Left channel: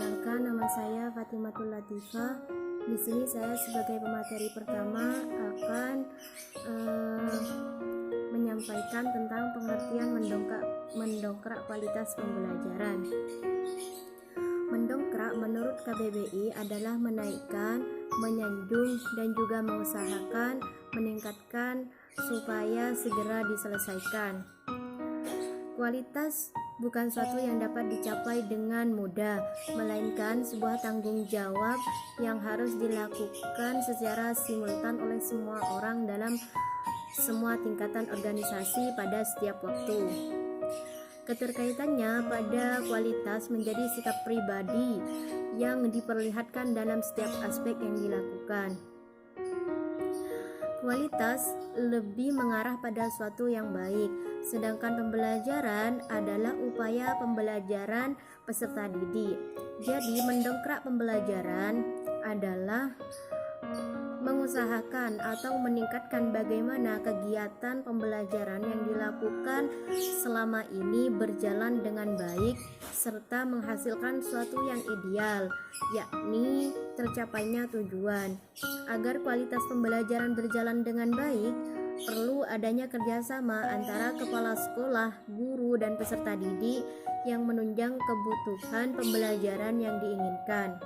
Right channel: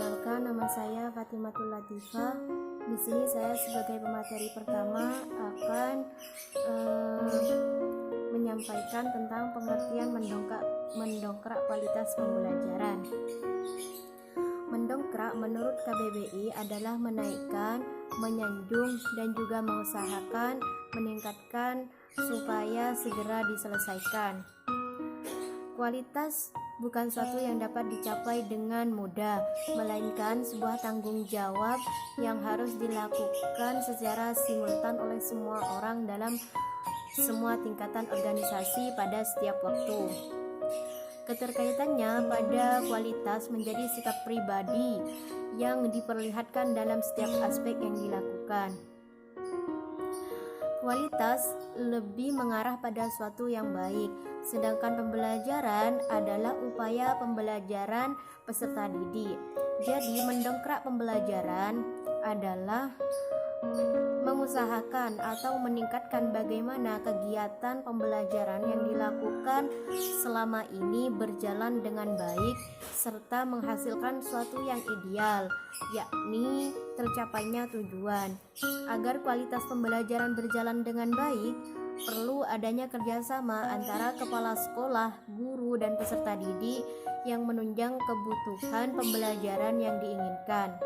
Perkenalkan, nama saya Fatimatul Latifah. Di sini saya sebagai pemateri pertama akan menyampaikan tentang pengertian mendongkrak kualitas pembelajaran. Mendongkrak menurut KBBI adalah menaikkan, menyanjung, dan juga mengusahakan, meningkatkan supaya segera diselesaikan. Kualitas bukan suatu yang dapat dicapai dengan mudah, melainkan sebuah tanggung jawab yang harus dilakukan secara simultan oleh semua orang dalam semua tingkatan organisasi pada setiap waktu. Keterkaitannya pada kualitas menjadi sikap pribadi yang diperlihatkan dalam setiap aspek yang dilakukan. Kualitas lebih mengarah pada suatu yang baik, sedangkan pembelajaran adalah upaya pembelajaran peserta didik. Jadi, mendongkrak pembelajaran adalah mengusahakan atau meningkatkan bagaimana kegiatan pembelajaran yang dilakukan selama ini berjalan dengan baik serta menghasilkan sesuatu yang ideal, yakni tercapainya tujuan. Agar kualitas pembelajaran berjalan dengan baik, perlu adanya kerjasama antara kepala sekolah, guru, dan peserta didik yang menunjang kebutuhan pembelajaran yang diinginkan.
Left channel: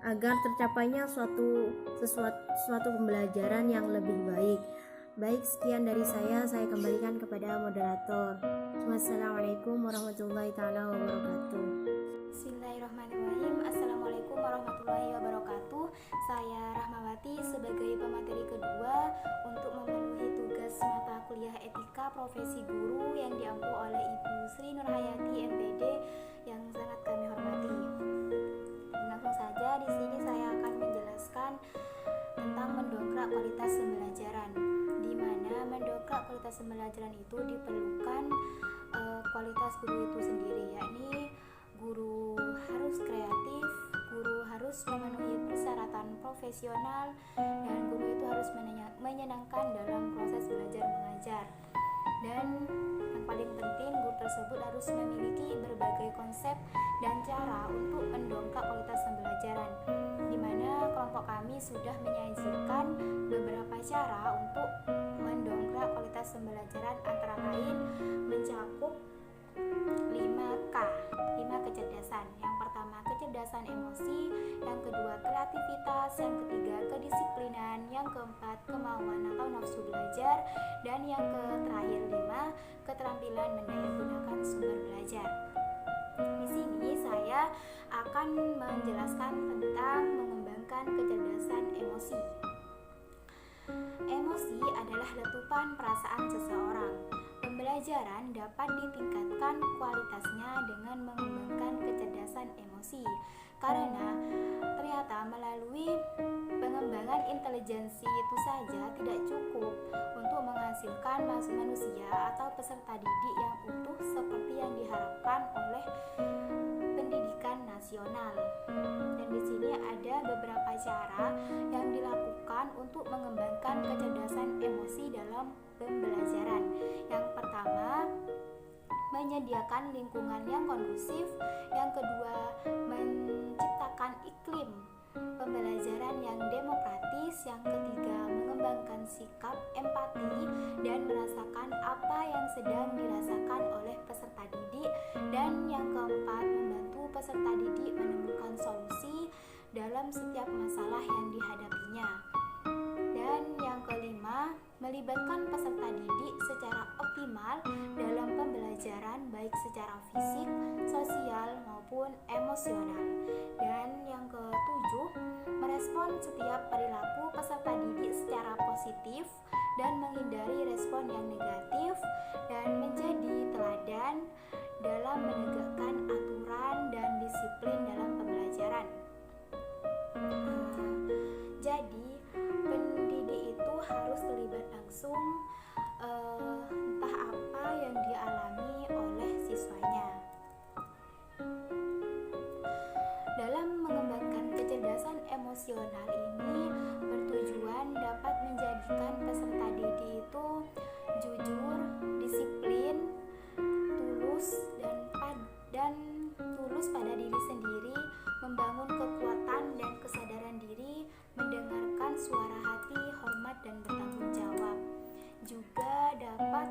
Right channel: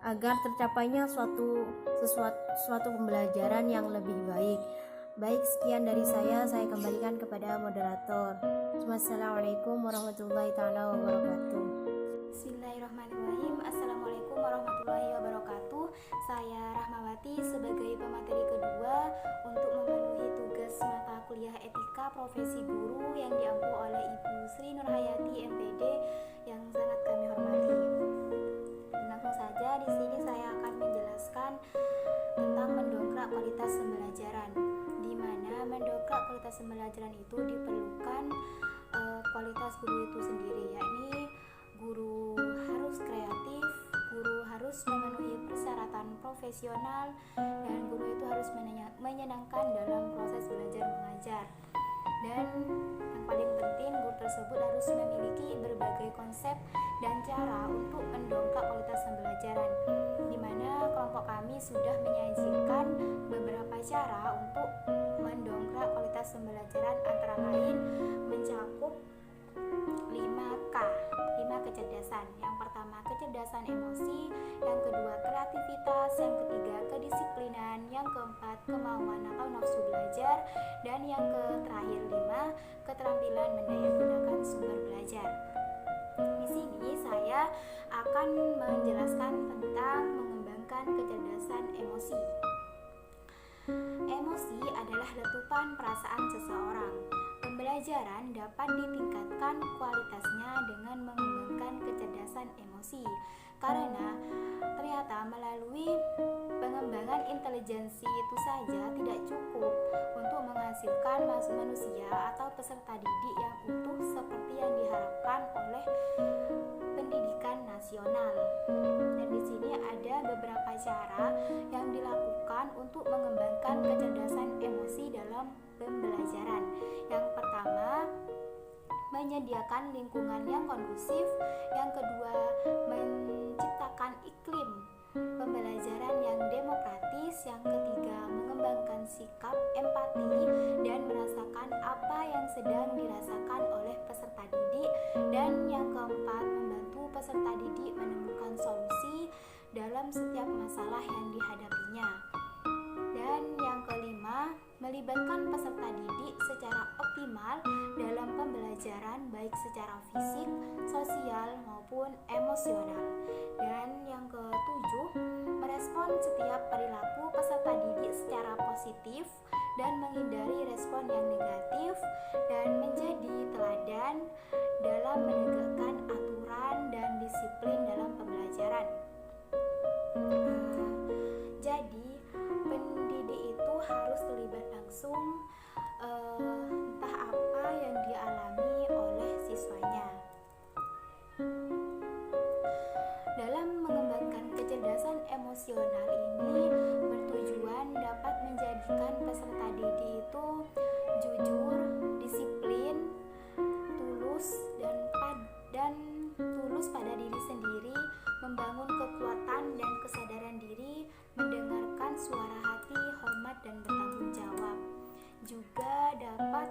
Agar tercapainya suatu pembelajaran yang lebih baik. Baik, sekian dari saya kembalikan kepada moderator. Wassalamualaikum warahmatullahi taala wabarakatuh. Bismillahirrahmanirrahim. Assalamualaikum warahmatullahi wabarakatuh. Saya Rahmawati sebagai pemateri kedua untuk memenuhi tugas mata kuliah etika profesi guru yang diampu oleh Ibu Sri Nurhayati MPD yang sangat kami hormati. Langsung saja di sini saya akan menjelaskan tentang mendongkrak kualitas pembelajaran, di mana mendongkrak kualitas pembelajaran itu diperlukan kualitas guru itu sendiri, yakni guru harus kreatif, guru harus memenuhi persyaratan profesional, dan guru itu harus menyenangkan dalam proses belajar mengajar. Dan yang paling penting, guru tersebut harus memiliki berbagai konsep dan cara untuk mendongkrak kualitas pembelajaran, di mana kelompok kami sudah menyajikan beberapa cara untuk mendongkrak kualitas pembelajaran, antara lain mencakup 5K, 5 kecerdasan. Yang pertama kecerdasan emosi, yang kedua kreativitas, yang ketiga kedisiplinan, yang keempat kemauan atau nafsu belajar, dan yang terakhir 5 keterampilan mendayagunakan sumber belajar. Di sini saya akan menjelaskan tentang mengembangkan kecerdasan emosi. Emosi adalah letupan perasaan seseorang. Pembelajaran dapat ditingkatkan kualitasnya dengan mengembangkan kecerdasan emosi, karena ternyata melalui pengembangan intelijensi itu saja tidak cukup untuk menghasilkan manusia atau peserta didik yang utuh seperti yang diharapkan oleh pendidikan nasional. Dan di sini ada beberapa cara yang dilakukan untuk mengembangkan kecerdasan emosi dalam pembelajaran. Yang pertama, menyediakan lingkungan yang kondusif. Yang kedua, menciptakan iklim pembelajaran yang demokratis. Yang ketiga, mengembangkan sikap empati dan merasakan apa yang sedang dirasakan oleh peserta didik. Dan yang keempat, membantu peserta didik menemukan solusi dalam setiap masalah yang dihadapinya. Dan yang kelima, melibatkan peserta didik secara optimal dalam pembelajaran, baik secara fisik, sosial, maupun emosional. Dan yang ketujuh, merespon setiap perilaku peserta didik secara positif dan menghindari respon yang negatif, dan menjadi teladan dalam menegakkan aturan dan disiplin dalam pembelajaran. Jadi pendidik itu harus terlibat langsung entah apa yang dialami oleh siswanya. Dalam mengembangkan kecerdasan emosional ini bertujuan dapat menjadikan peserta didik itu jujur, disiplin, tulus pada pada diri sendiri, membangun kekuatan dan kesadaran diri, mendengarkan suara hati, hormat dan bertanggung jawab. Juga dapat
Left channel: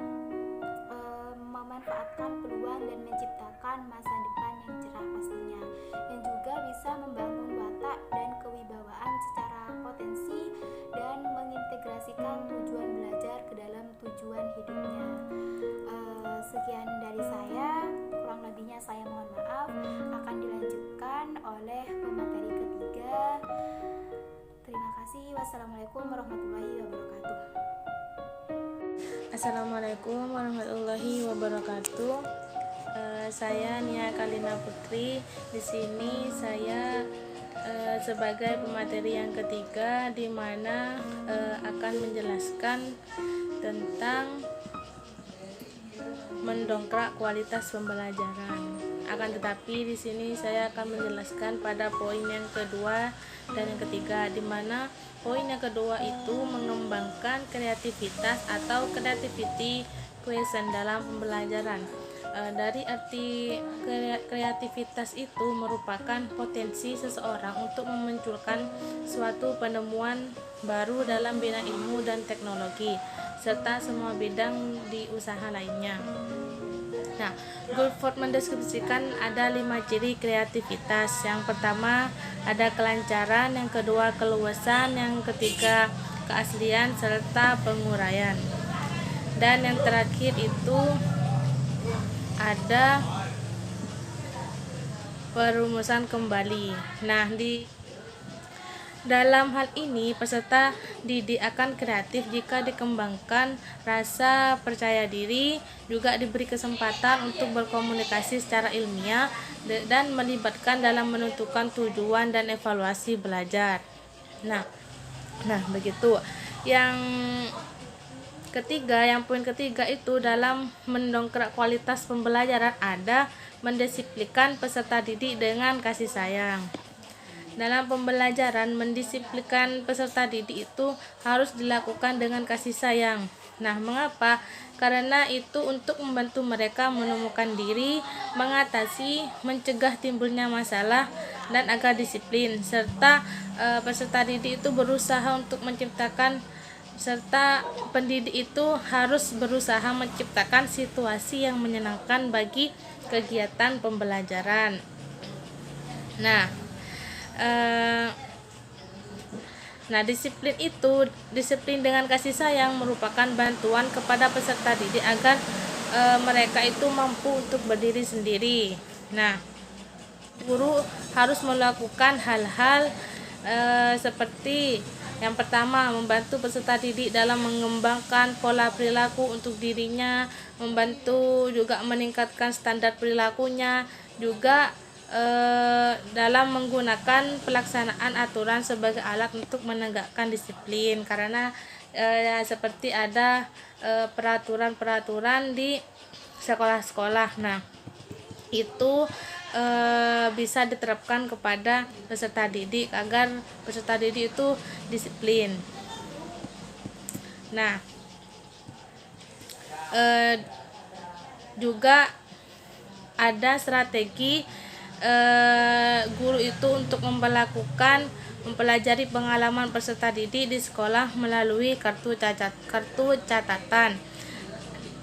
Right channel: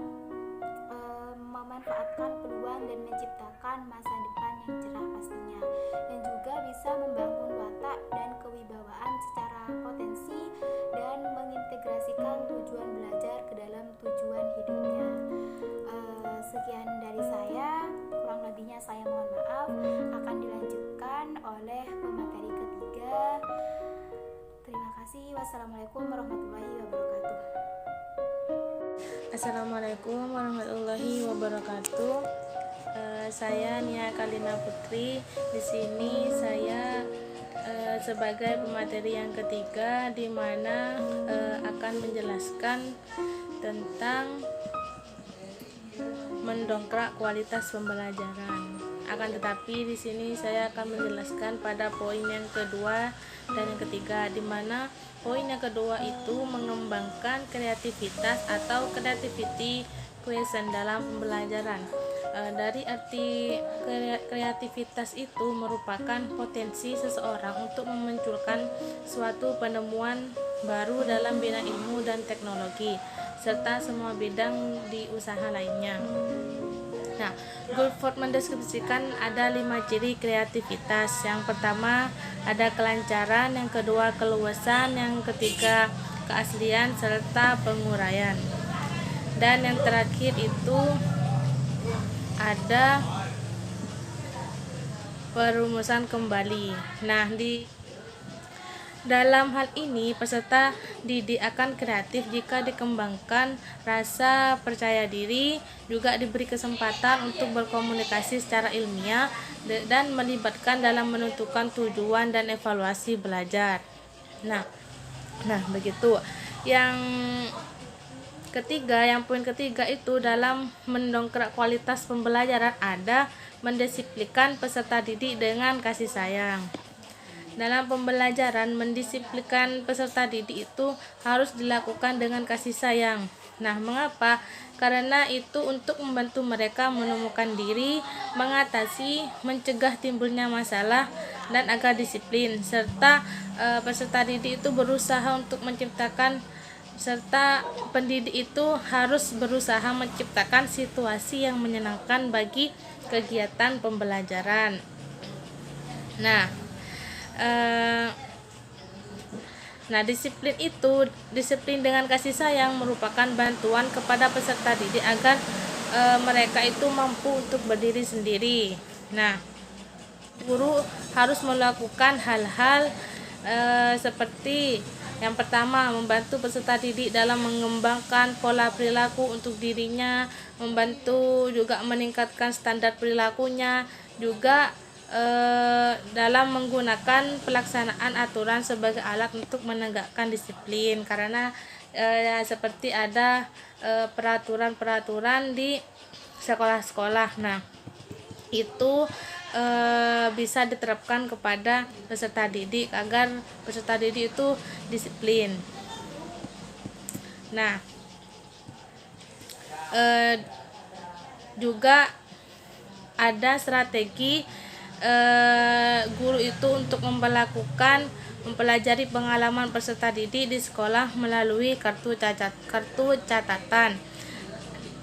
memanfaatkan peluang dan menciptakan masa depan yang cerah pastinya, yang juga bisa membangun watak dan kewibawaan secara potensi dan mengintegrasikan tujuan belajar ke dalam tujuan hidupnya. Sekian dari saya, kurang lebihnya saya mohon maaf. Akan dilanjutkan oleh pemateri ketiga. Terima kasih. Wassalamualaikum warahmatullahi wabarakatuh. Assalamualaikum warahmatullahi wabarakatuh. Saya Nia Kalina Putri. Di sini saya sebagai pemateri yang ketiga, di mana akan menjelaskan tentang mendongkrak kualitas pembelajaran. Akan tetapi di sini saya akan menjelaskan pada poin yang kedua dan yang ketiga, di mana poin yang kedua itu mengembangkan kreativitas atau creativity quotient dalam pembelajaran. Dari arti kreativitas itu merupakan potensi seseorang untuk memunculkan suatu penemuan baru dalam bidang ilmu dan teknologi, serta semua bidang di usaha lainnya. Nah, Guilford mendeskripsikan ada 5 ciri kreativitas. Yang pertama ada kelancaran, yang kedua keluasan, yang ketiga keaslian serta penguraian. Dan yang terakhir itu ada perumusan kembali. Nah, dalam hal ini, peserta didik akan kreatif jika dikembangkan rasa percaya diri, juga diberi kesempatan untuk berkomunikasi secara ilmiah dan melibatkan dalam menentukan tujuan dan evaluasi belajar. Nah, begitu. Yang ketiga, yang poin ketiga itu dalam mendongkrak kualitas pembelajaran ada mendisiplinkan peserta didik dengan kasih sayang. Dalam pembelajaran, mendisiplinkan peserta didik itu harus dilakukan dengan kasih sayang. Nah, mengapa? Karena itu untuk membantu mereka menemukan diri, mengatasi, mencegah timbulnya masalah, dan agar disiplin. Serta peserta didik itu berusaha untuk menciptakan, serta pendidik itu harus berusaha menciptakan situasi yang menyenangkan bagi kegiatan pembelajaran. Disiplin dengan kasih sayang merupakan bantuan kepada peserta didik agar mereka itu mampu untuk berdiri sendiri. Nah, guru harus melakukan hal-hal seperti yang pertama, membantu peserta didik dalam mengembangkan pola perilaku untuk dirinya, membantu juga meningkatkan standar perilakunya, juga dalam menggunakan pelaksanaan aturan sebagai alat untuk menegakkan disiplin, karena seperti ada peraturan-peraturan di sekolah-sekolah. Nah, itu bisa diterapkan kepada peserta didik agar peserta didik itu disiplin. Nah, juga ada strategi guru itu untuk mempelajari pengalaman peserta didik di sekolah melalui kartu catatan.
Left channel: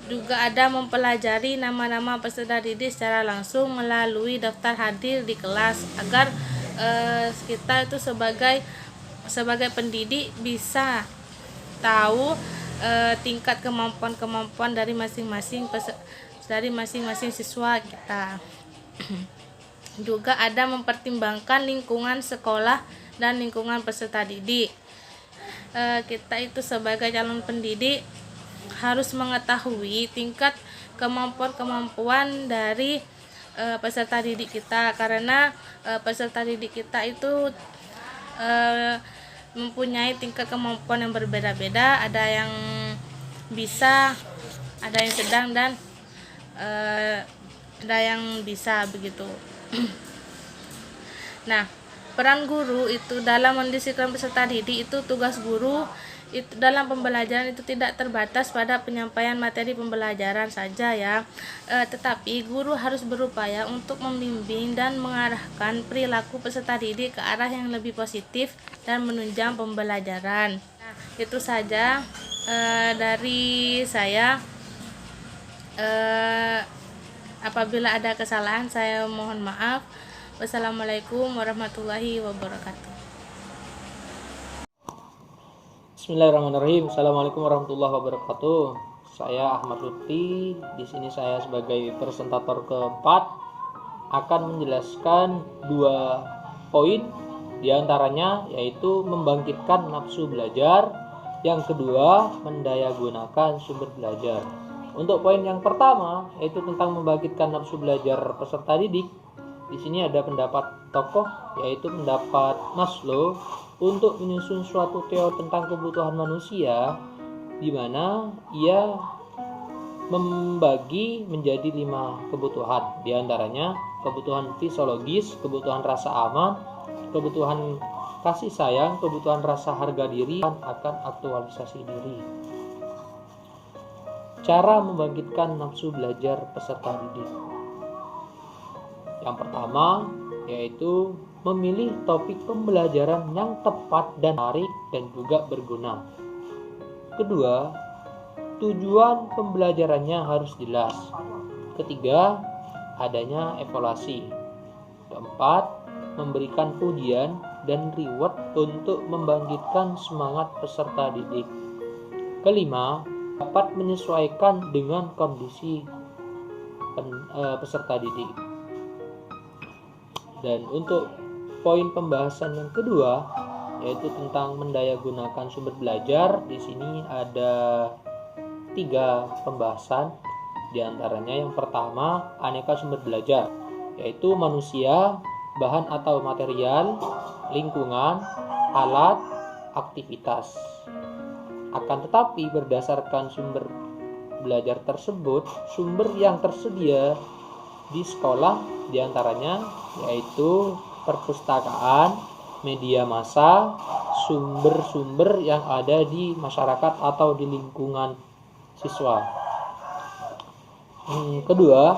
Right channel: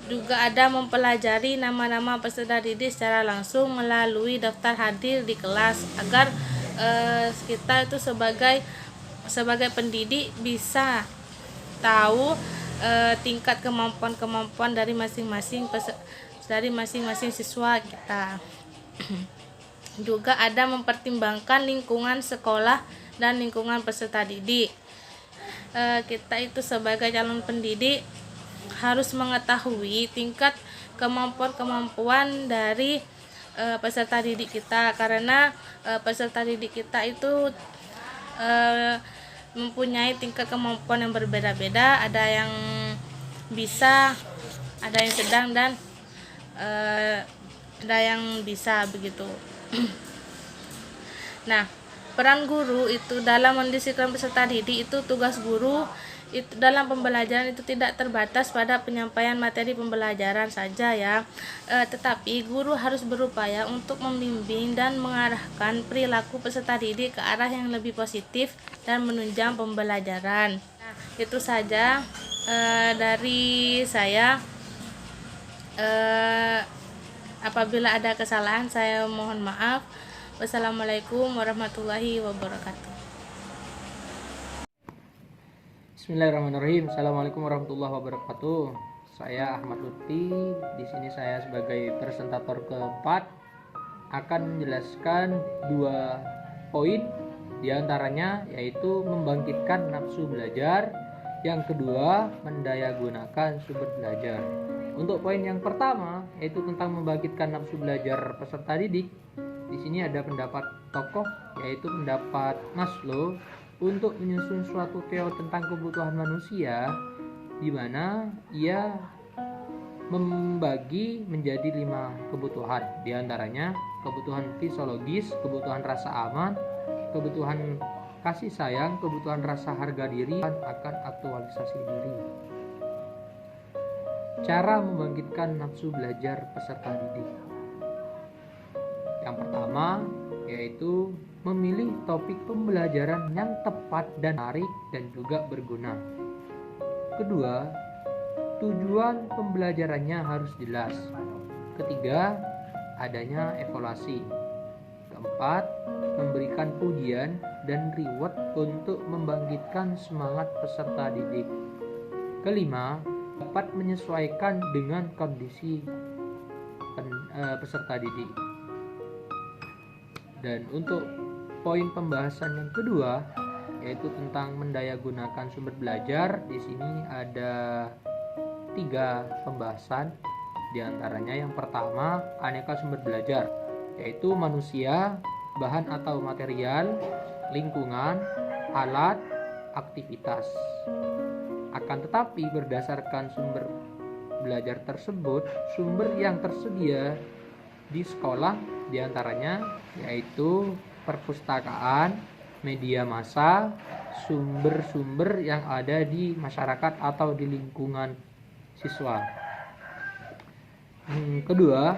Juga ada mempelajari nama-nama peserta didik secara langsung melalui daftar hadir di kelas agar kita itu sebagai pendidik bisa tahu tingkat kemampuan dari masing-masing siswa kita. Juga ada mempertimbangkan lingkungan sekolah dan lingkungan peserta didik. Kita itu sebagai calon pendidik harus mengetahui tingkat kemampuan dari peserta didik kita, karena peserta didik kita itu mempunyai tingkat kemampuan yang berbeda-beda, ada yang bisa, ada yang sedang, dan ada yang bisa begitu. Nah, peran guru itu dalam mendisiplinkan peserta didik itu tugas guru itu dalam pembelajaran itu tidak terbatas pada penyampaian materi pembelajaran saja ya, tetapi guru harus berupaya untuk membimbing dan mengarahkan perilaku peserta didik ke arah yang lebih positif dan menunjang pembelajaran. Nah, itu saja dari saya. Apabila ada kesalahan saya mohon maaf. Wassalamualaikum warahmatullahi wabarakatuh. Bismillahirrahmanirrahim. Assalamualaikum warahmatullahi wabarakatuh. Saya Ahmad Lutfi. Di sini saya sebagai presentator keempat akan menjelaskan 2 poin, diantaranya yaitu membangkitkan nafsu belajar, yang kedua mendayagunakan sumber belajar. Untuk poin yang pertama yaitu tentang membangkitkan nafsu belajar peserta didik. Di sini ada pendapat tokoh yaitu pendapat Maslow untuk menyusun suatu teori tentang kebutuhan manusia, di mana ia membagi menjadi 5 kebutuhan, diantaranya kebutuhan fisiologis, kebutuhan rasa aman, kebutuhan kasih sayang, kebutuhan rasa harga diri, dan akan aktualisasi diri. Cara membangkitkan nafsu belajar peserta didik. Yang pertama yaitu memilih topik pembelajaran yang tepat dan menarik dan juga berguna. Kedua, tujuan pembelajarannya harus jelas. Ketiga, adanya evaluasi. Keempat, memberikan pujian dan reward untuk membangkitkan semangat peserta didik. Kelima, dapat menyesuaikan dengan kondisi peserta didik. Dan untuk poin pembahasan yang kedua yaitu tentang mendayagunakan sumber belajar. Di sini ada 3 pembahasan, diantaranya yang pertama aneka sumber belajar, yaitu manusia, bahan atau material, lingkungan, alat, aktivitas. Akan tetapi berdasarkan sumber belajar tersebut, sumber yang tersedia di sekolah diantaranya yaitu perpustakaan, media massa, sumber-sumber yang ada di masyarakat atau di lingkungan siswa. Kedua,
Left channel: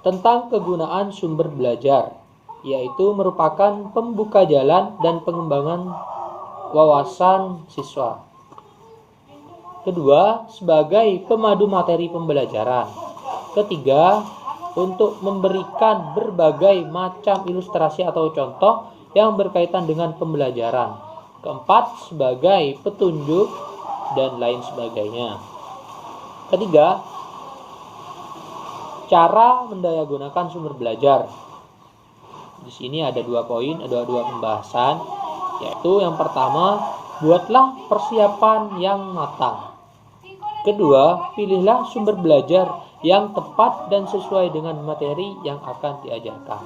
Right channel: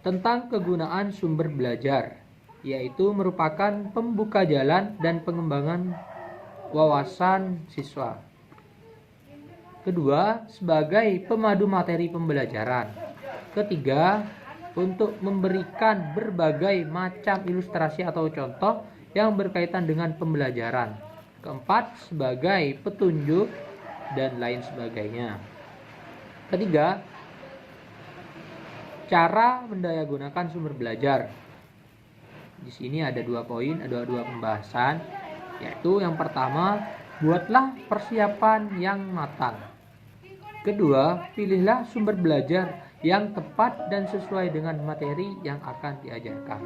tentang kegunaan sumber belajar, yaitu merupakan pembuka jalan dan pengembangan wawasan siswa. Kedua, sebagai pemadu materi pembelajaran. Ketiga, untuk memberikan berbagai macam ilustrasi atau contoh yang berkaitan dengan pembelajaran. Keempat, sebagai petunjuk dan lain sebagainya. Ketiga, cara mendayagunakan sumber belajar. Di sini ada 2 poin, ada 2 pembahasan, yaitu yang pertama, buatlah persiapan yang matang. Kedua, pilihlah sumber belajar yang tepat dan sesuai dengan materi yang akan diajarkan.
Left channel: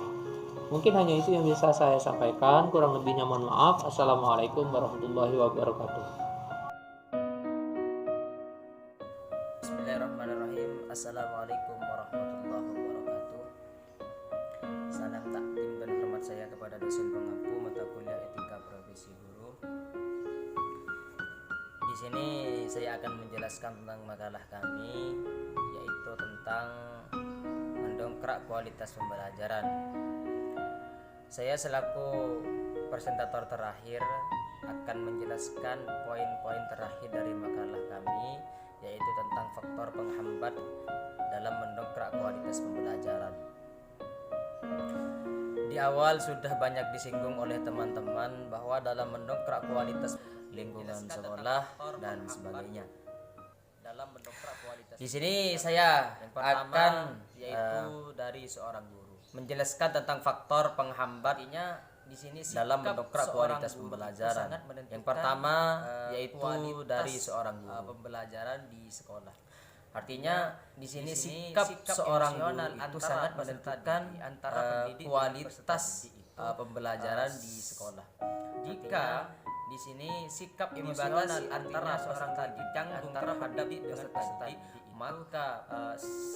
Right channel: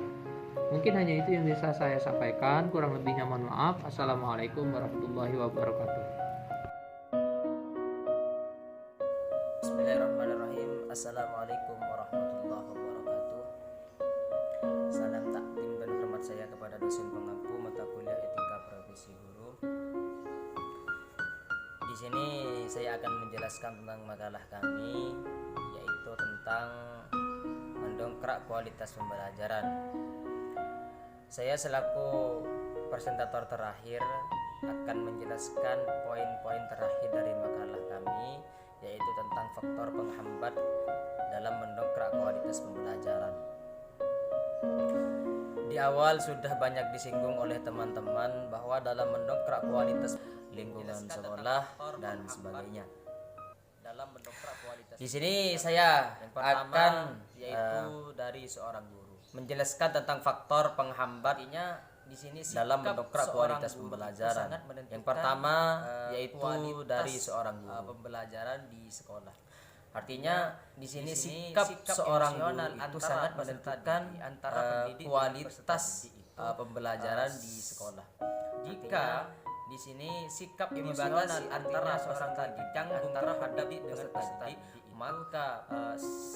Mungkin hanya itu yang bisa saya sampaikan, kurang lebihnya mohon maaf. Assalamualaikum warahmatullahi wabarakatuh. Bismillahirrahmanirrahim. Assalamualaikum warahmatullahi wabarakatuh. Salam takdim dan hormat saya kepada dosen pengampu mata kuliah Etika Profesi Guru. Di sini saya akan menjelaskan tentang makalah kami, yaitu tentang mendongkrak kualitas pembelajaran. Saya selaku presentator terakhir akan menjelaskan poin-poin terakhir dari makalah kami, yaitu tentang faktor penghambat dalam mendongkrak kualitas pembelajaran. Di awal sudah banyak disinggung oleh teman-teman bahwa dalam mendongkrak kualitas lingkungan sekolah dan sebagainya. Di sini saya akan yaitu dari seorang guru menjelaskan tentang faktor penghambatnya di sini dalam mendongkrak kualitas pembelajaran. Yang pertama yaitu dari seorang guru pembelajaran di sekolah. Artinya di sini sikap seorang guru itu sangat menentukan kualitas pembelajaran di sekolah. Jika di sini sikap emosional antara seorang didik antara pendidik dengan peserta didik maka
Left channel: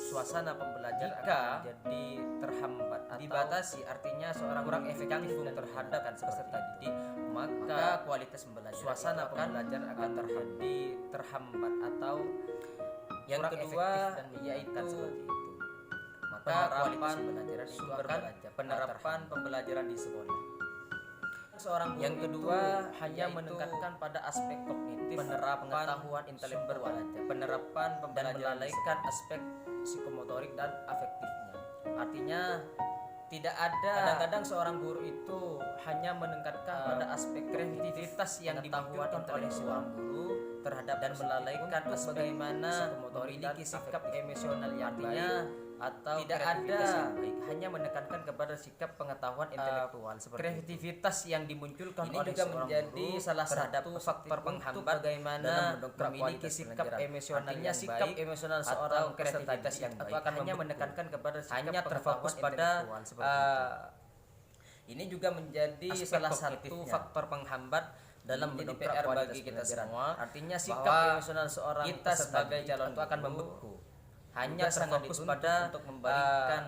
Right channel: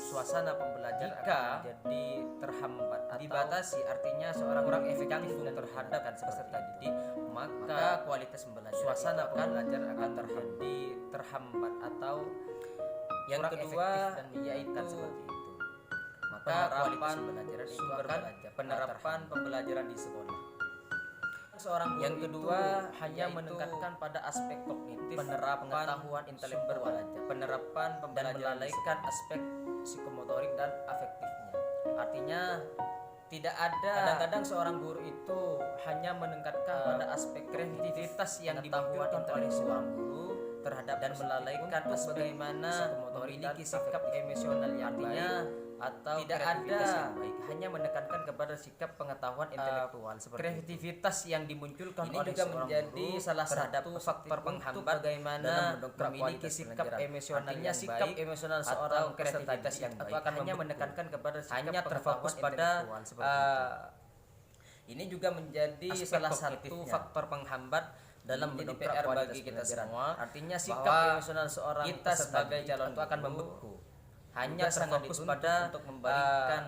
suasana pembelajaran akan menjadi terhambat atau dibatasi, artinya seorang kurang efektif terhadap peserta didik, maka kualitas pembelajaran suasana pembelajaran akan terjadi terhambat atau yang kedua yaitu seperti itu. Maka kualitas pembelajaran itu akan penerapan pembelajaran di sekolah. Seorang yang kedua hanya menekankan pada aspek kognitif, penerapan pengetahuan intelektual, penerapan pembelajaran, dan melalaikan aspek psikomotorik dan afektifnya. Artinya tidak ada, kadang-kadang seorang guru itu hanya menekankan pada aspek kreativitas yang dimunculkan oleh seorang guru terhadap dan melalaikan aspek bagaimana memiliki sikap emosional yang baik atau tidak ada, hanya menekankan kepada sikap pengetahuan intelektual seperti kreativitas yang dimunculkan ini oleh juga menjadi salah satu faktor penghambat bagaimana memiliki sikap emosional yang sikap baik emosional seorang kreativitas yang baik akan hanya menekankan kepada sikap hanya terfokus pada ini juga menjadi salah satu faktor penghambat dalam menjadi PR bagi kita semua. Artinya sikap emosional seorang kita sebagai calon itu akan membeku, hanya terfokus pada untuk memberikan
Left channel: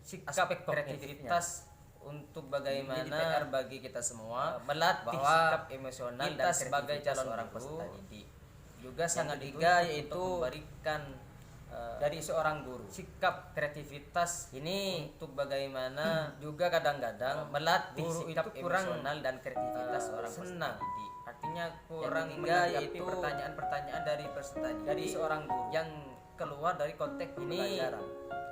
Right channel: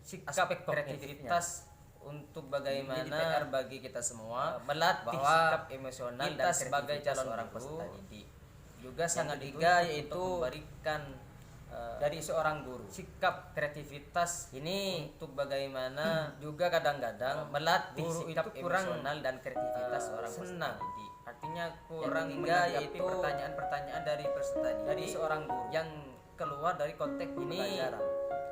sikap kreativitas untuk bagaimana PR bagi kita semua melatih sikap emosional kita sebagai calon orang peserta didik. Juga sangat ketiga yaitu memberikan dari seorang guru sikap kreativitas ini untuk bagaimana juga kadang-kadang melatih sikap emosional dan kreativitas seorang peserta didik. Artinya kurang menanggapi pertanyaan-pertanyaan dari peserta didik dari seorang guru yang keluar dari konteks pembelajaran.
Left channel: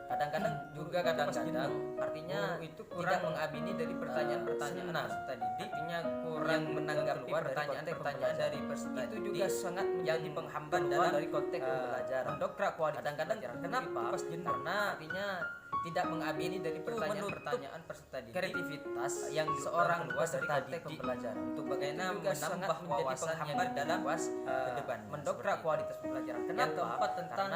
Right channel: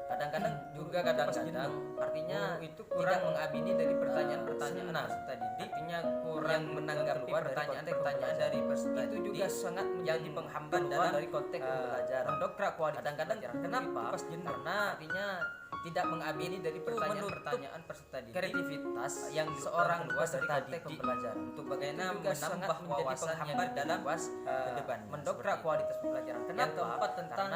Kadang-kadang juga kadang-kadang artinya itu kurang mengamini dari pertanyaan-pertanyaan peserta didik, artinya kurang menanggapi pertanyaan-pertanyaan dari peserta didik. Itu juga sangat menjadi penghambat dari konteks pembelajaran. Mendokrak kualitas kadang-kadang kenapa? Karena artinya tidak mengamini dari pertanyaan-pertanyaan peserta didik, kreativitas yang seorang peserta didik pembelajaran untuk bagaimana menambah wawasan yang dalam ke depan, mendokrak kualitas pembelajaran. Kenapa? Yang keempat tentang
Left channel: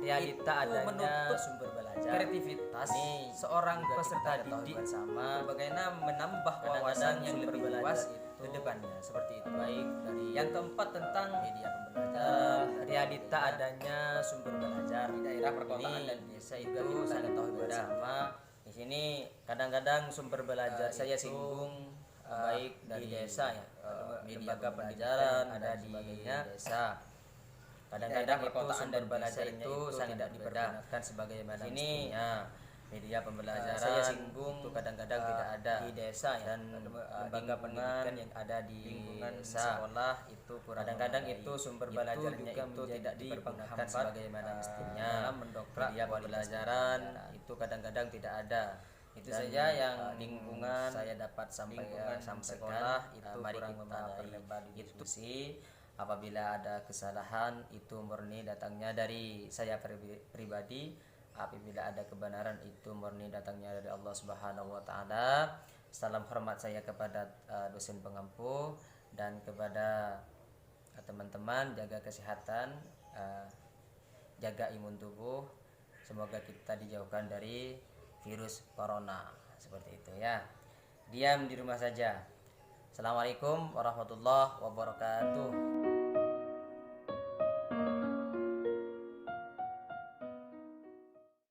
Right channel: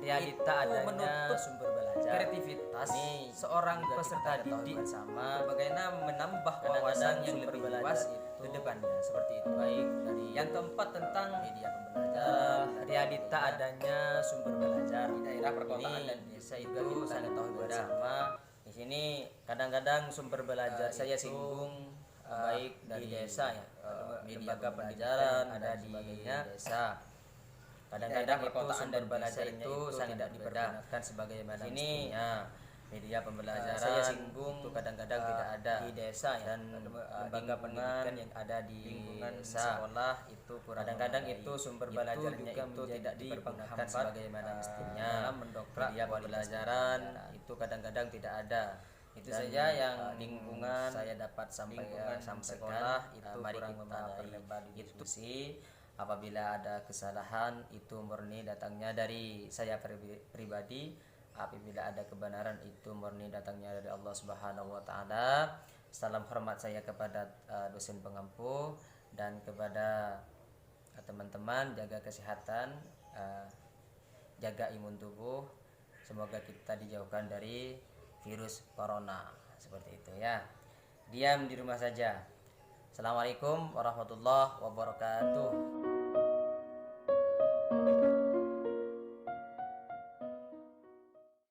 realita adanya sumber belajar, kreativitas ini seorang peserta didik bersama bagaimana menambah wawasan yang lebih luas ke depannya, seperti itu. Baik dari yang keempat tentang media pembelajaran, realita adanya sumber belajar di daerah perkotaan dan desa itu sangat tahu bersama. Di sini kadang-kadang sumber belajar saya singgung baik dari desa ya, media pembelajaran ada di desa. Kadang-kadang perkotaan dan belajar itu sangat dipergunakan sebagaimana mestinya. Media pembelajaran saya singgung itu kadang-kadang tidak ada di desa ya, dan lembaga pendidikan yang ada di desa sekolah itu kadang-kadang itu sumber belajarnya itu tidak dipergunakan sebagaimana mestinya. Mendokrak media pembelajaran itu kadang-kadang tidak ada. Itu saja yang lingkungan saya dapat sampaikan sekolah itu. Mari kita lebar diskusi. Apabila ada kesalahan itu murni datangnya dari saya pribadi. Apabila ada kebenaran itu murni datangnya dari Allah Subhanahu wa taala. Salam hormat saya kepada dosen pengampu dan kepada teman-teman, jaga kesehatan, jaga imun tubuh. Semoga kita dijauhkan dari virus corona, seperti itu ya. Diam di rumah saja. Assalamualaikum warahmatullahi wabarakatuh.